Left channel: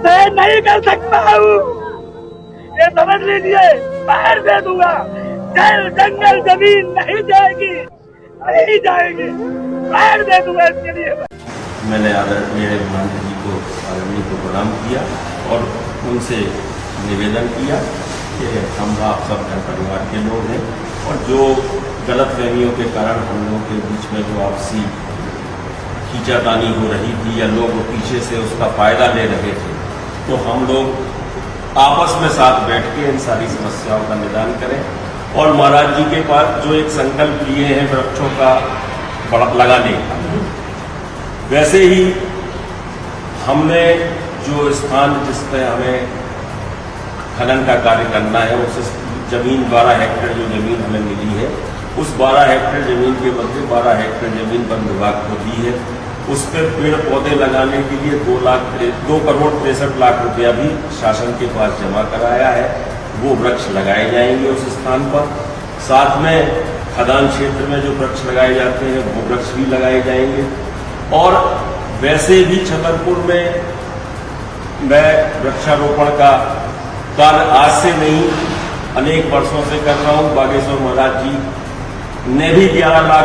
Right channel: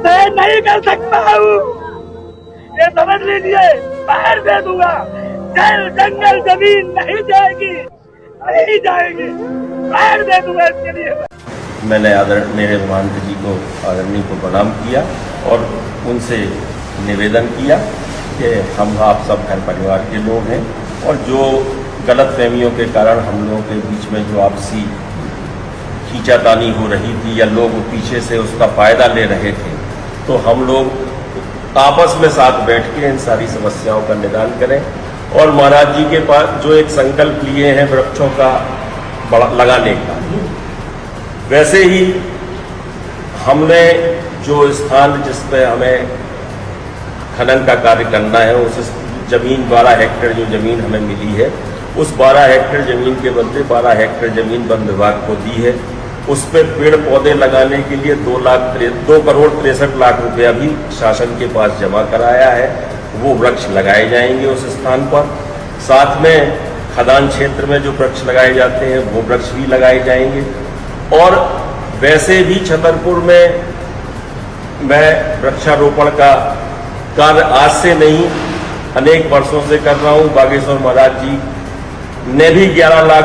सहन नहीं कर सकता हूँ, ये समझ लीजिए। पैर दे दूंगा, जल जंगल जमीन नहीं जाएगी, नहीं जाएगी। पैर दे दूंगा इसके लिए। मैंने आदरणीय महंत जी को आदरणीय को प्रणाम किया और उनसे निवेदन किया कि हम आप सब घर परिवार के लोग हैं और जो गलतफहमियों के कारण हम लोगों के बीच में जो आपसी खींचातानी हो रही थी या लोग पीछे से उसका फायदा ले रहे थे, तो हम लोग आपस में साथ बैठ के इन सारी समस्याओं का निदान करें और महाराज जी के पास जो एक संकल्प लिए हैं वृक्षों का लगाने का, वैसे ही हमने जो स्थान जिस पे हमें खनन का कार्य करना है, उस जमीन 12 हेक्टेयर जो जमीन हमें मिली है, उस 12 हेक्टेयर जमीन के बदले 12 हेक्टेयर जमीन वन विभाग को दी है। उस पर पेड़ पौधे लगाने के लिए 2 करोड़ 63 लाख रुपया भी शासन के पास जमा कराया है। वो वृक्ष लगाए जाएंगे उस स्थान पर। साथ में खदान क्षेत्र में जो वृक्ष लगाए जाते हैं वो वृक्ष भी लगाए जाएंगे। और वैसे भी छतरपुर में मैं वृक्षारोपण का कार्य आज से नहीं अनेक वर्षों से कर रहा हूं। बागेश्वर महाराज जी ने भी 11 लाख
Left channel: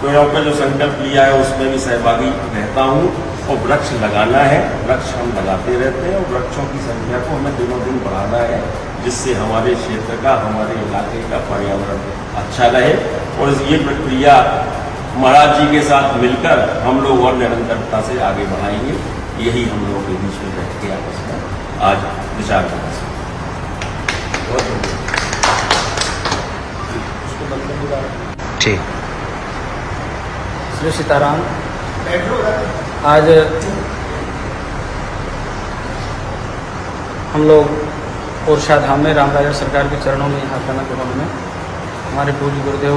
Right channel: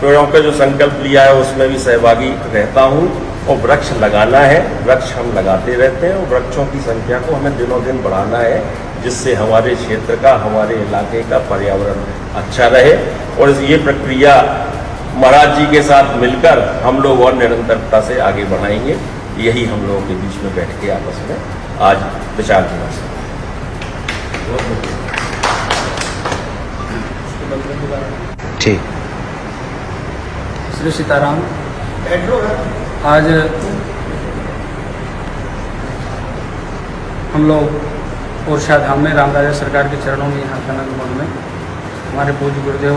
पेड़ों का जो संकल्प लिया है उसमें भी सहभागी रहता हूं और वृक्ष लगाना है। वृक्ष हम लगाते रहते हैं और वृक्षों की संख्या को हमें दिनों दिन बढ़ाना है, जिससे हमारे क्षेत्र का, हमारे इलाके का पर्यावरण अच्छा रहे। और ये प्रक्रिया महाराज जी के साथ मिलकर हम लोग और निरंतरता से आगे बढ़ाएंगे। यही हम लोगों के बीच में बैठ के आपस में आज विचार विमर्श। ठीक। श्री सीताराम। आज हम लोग ओरछा धाम में रामराजा सरकार के चरणों में यहाँ कनक भवन में हमारे पूज्य गुरुदेव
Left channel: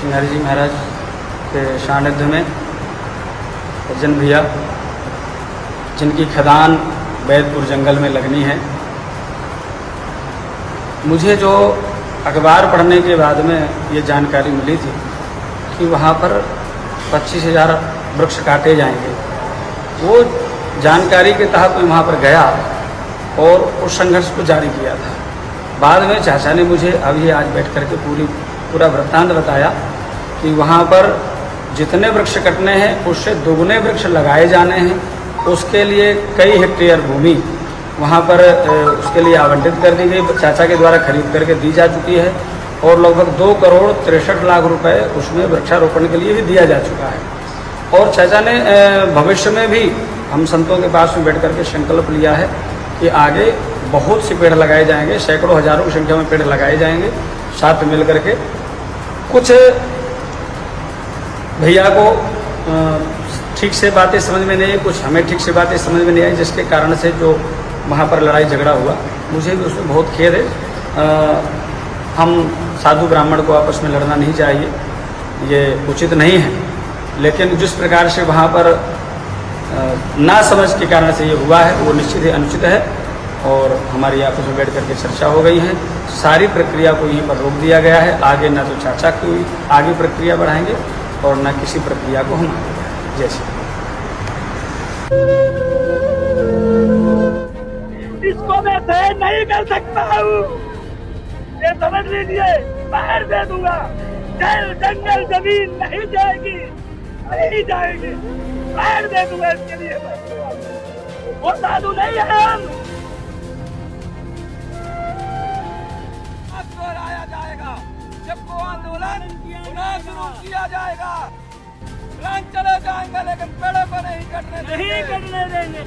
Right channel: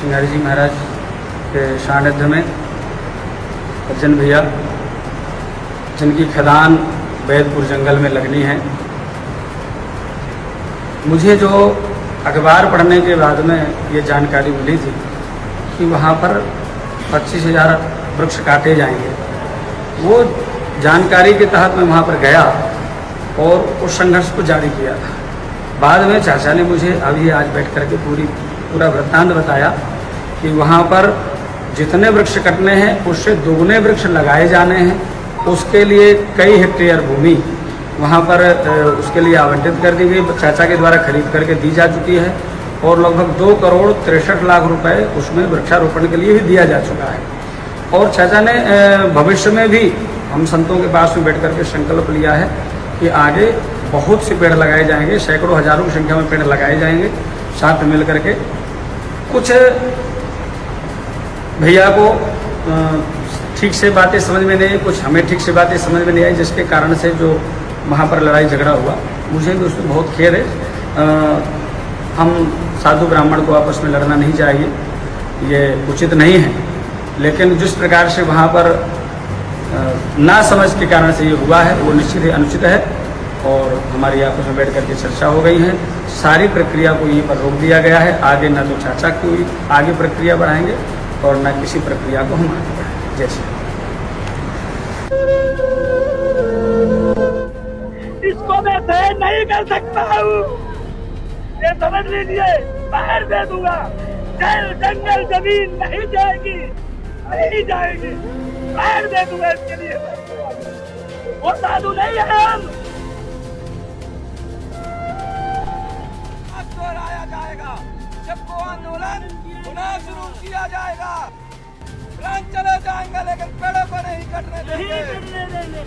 सिंघारी जी महाराज के सानिध्य में अर्जन भैया, जिनकी खदान बैदपुर जंगल में लगनी है, मुझे जो अखबार पढ़ने के बाद में ये जानकारी मिली थी कि वहाँ पर 25,000 वृक्ष काटे जाएंगे, वो जानकारी के तहत मैं वहाँ पर गया और उस संघर्ष को जारी किया था। बाद में चाचा ने मुझे अभी आज बैठ करके पूरा वृत्तांत बताया कि वहाँ पर जितने वृक्ष कटने हैं उससे दुगने वृक्ष लगाए जाने हैं। उसके लिए कई हेक्टेयर भूमि वहाँ पर उसके लिए आवंटित कर दी गई, चाचा के द्वारा खरीद करके दी जा चुकी है और लगभग 2 करोड़ 63 लाख रुपए उसमें वृक्षारोपण के लिए भी दिया जा चुका है। और चाचा ने भविष्य में भी हम संतों के पास में बैठ करके संकल्प लिया है कि आगे बहुत से पेड़ लगाए जाएंगे, सैकड़ों हजारों की संख्या में पेड़ लगाए जाएंगे। साथ मिल करके कुछ भैया को ठीक से बातें समझ में नहीं आई, कुछ हमें ठीक से बातें समझ में नहीं आई, जिसके कारण से जो वहाँ पर लड़ाई झगड़ा हुआ, मुझे भी उसमें बहुत खेद है। हम साधु ब्राह्मण को आपस में लड़ना नहीं चाहिए, ये उचित नहीं है। लेकिन जिस प्रकार से वहाँ पर ना समझ के कारण से ये हुआ है वो निश्चित ही अनुचित है और हमारी आपस में बैठ करके चर्चा हो गई है। सारी प्रक्रिया को यहीं पर रोक दिया गया है। आगे न तो चाचा की आगे प्रक्रिया बढ़ाएंगे और न किसी प्रक्रिया को हम जैसे इसको मैं सहन नहीं कर सकता हूँ, ये समझ लीजिए। पैर दे दूंगा, जल जंगल जमीन नहीं जाएगी, नहीं जाएगी। पैर दे दूंगा इसके लिए। वो साधु नहीं है हम। दोहराया जाएगा जब वो आंदोलन पुनः शुरू किया जाएगा। प्राण चले जाएंगे लेकिन पेड़ों को नहीं कटने देंगे।